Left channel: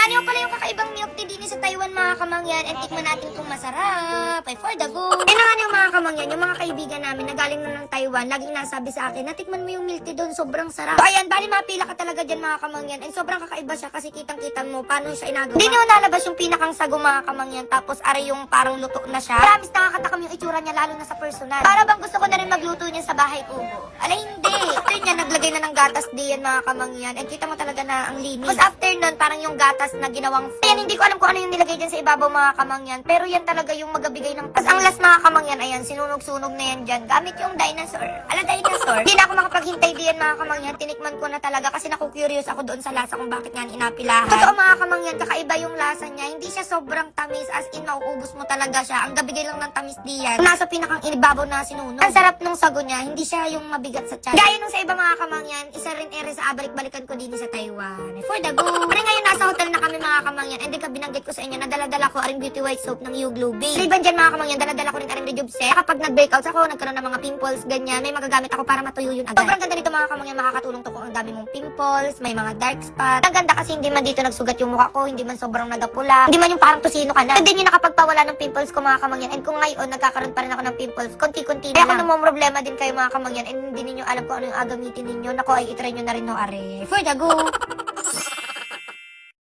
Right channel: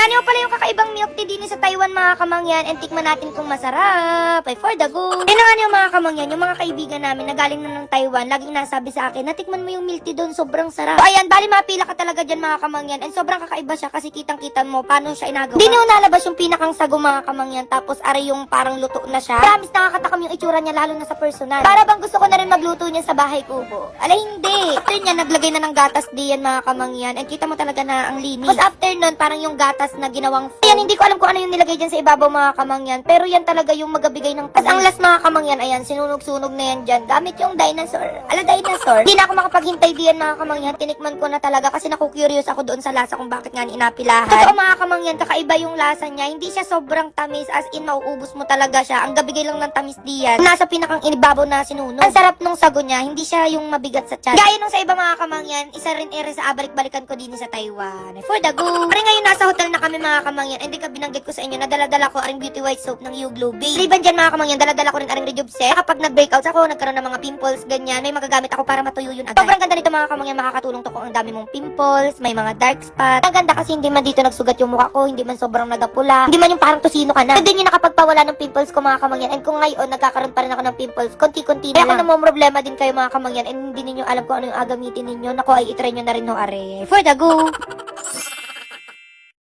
nga niyo pala yung kakaibang milk tea din sa Taiwan mga kamangyan, and tikman natin kung masarap. Ay, for the go. Yan nga niyo mga kamangyan, yung mga kaibigan namin na galing na ng Taiwan, laging nasabi sa akin, natikman mo yung milk tea doon, sobrang sarap. So, ayan, bali mapila ka talaga dyan mga kamangyan, and sobrang kakaiba siya kasi kitang-kita mo paano siya inagawa. Hindi niyo nalabas yung pinakang sago mga kamangyan, tapos are yung parang luto na siya. Promise nakakatakam yung itsura niya lalo na sa personal. Para bang gusto ko na rin magluto niya sa bahay kubo. Alay, hindi. After niya, naglagay na ng gatas diyan mga kamangyan, and kita mo talaga na ang linis. Tapos after nun, parang yung gatas na ginawang ayan, hindi ko alam kung ano yung nilagay dyan sa ibabaw mga kamangyan, pero yan talaga yung magabigay ng pas. Ang last mga kamangyan, ayan, sinunog-sunog na yan dyan, gamit yung dinosaur. Ala, dinosaur. Hindi na ako makapaghintay diyan mga kamangyan, tinikman ko na talaga kasi naku-curious ako doon sa lasa kung bakit nga inapilahan. Totoo mga kamangyan, kakaiba yung lasa niya, hindi siya sobrang tamis, as in mauubos mo talaga siya. Ang gabigay lang ng tamis diyan, nasa pinakang inibabaw na sinunog. Ang sarap nung sago niya, hindi siya yung mabigat sa tiyan. Gaya nung sa iba mga kamangyan, isa rin ere sa balik-balikan ko din sa Taiwan. For the go. Pero ngayon nasa hotel na kami mga kamangyan, and di ka binanggit ko sa inyo na dala-dala ko aring beauty white soap ng You Glow Base. Liban dyan mga kamangyan, dala-dala ko rin aring Rejuve. Kapag nag-breakouts ako, nagkaroon ng mga pimples, ganyan, may magagamit ako para matuyo yun agad. Sobrang ganda nito mga kamangyan, makakatulong to kung ang dami mong pimples, may mga dark spot. Ang ganda kasi hindi man dito nagsugat yung mukha ko, hindi man sobrang nagapula, hindi man yung parang tosino ka na. Hindi nyo nakapagpawala ng pimples ko mga kamangyan, and kung ngayon nagkakaroon pa rin ako ng pimples, konti-konti na. Kaya kung namomroblema din kayo mga kamangyan, and hindi ninyo alam kung ano yung agamitin ninyo, naku ay itry nyo na rin no are. For the go!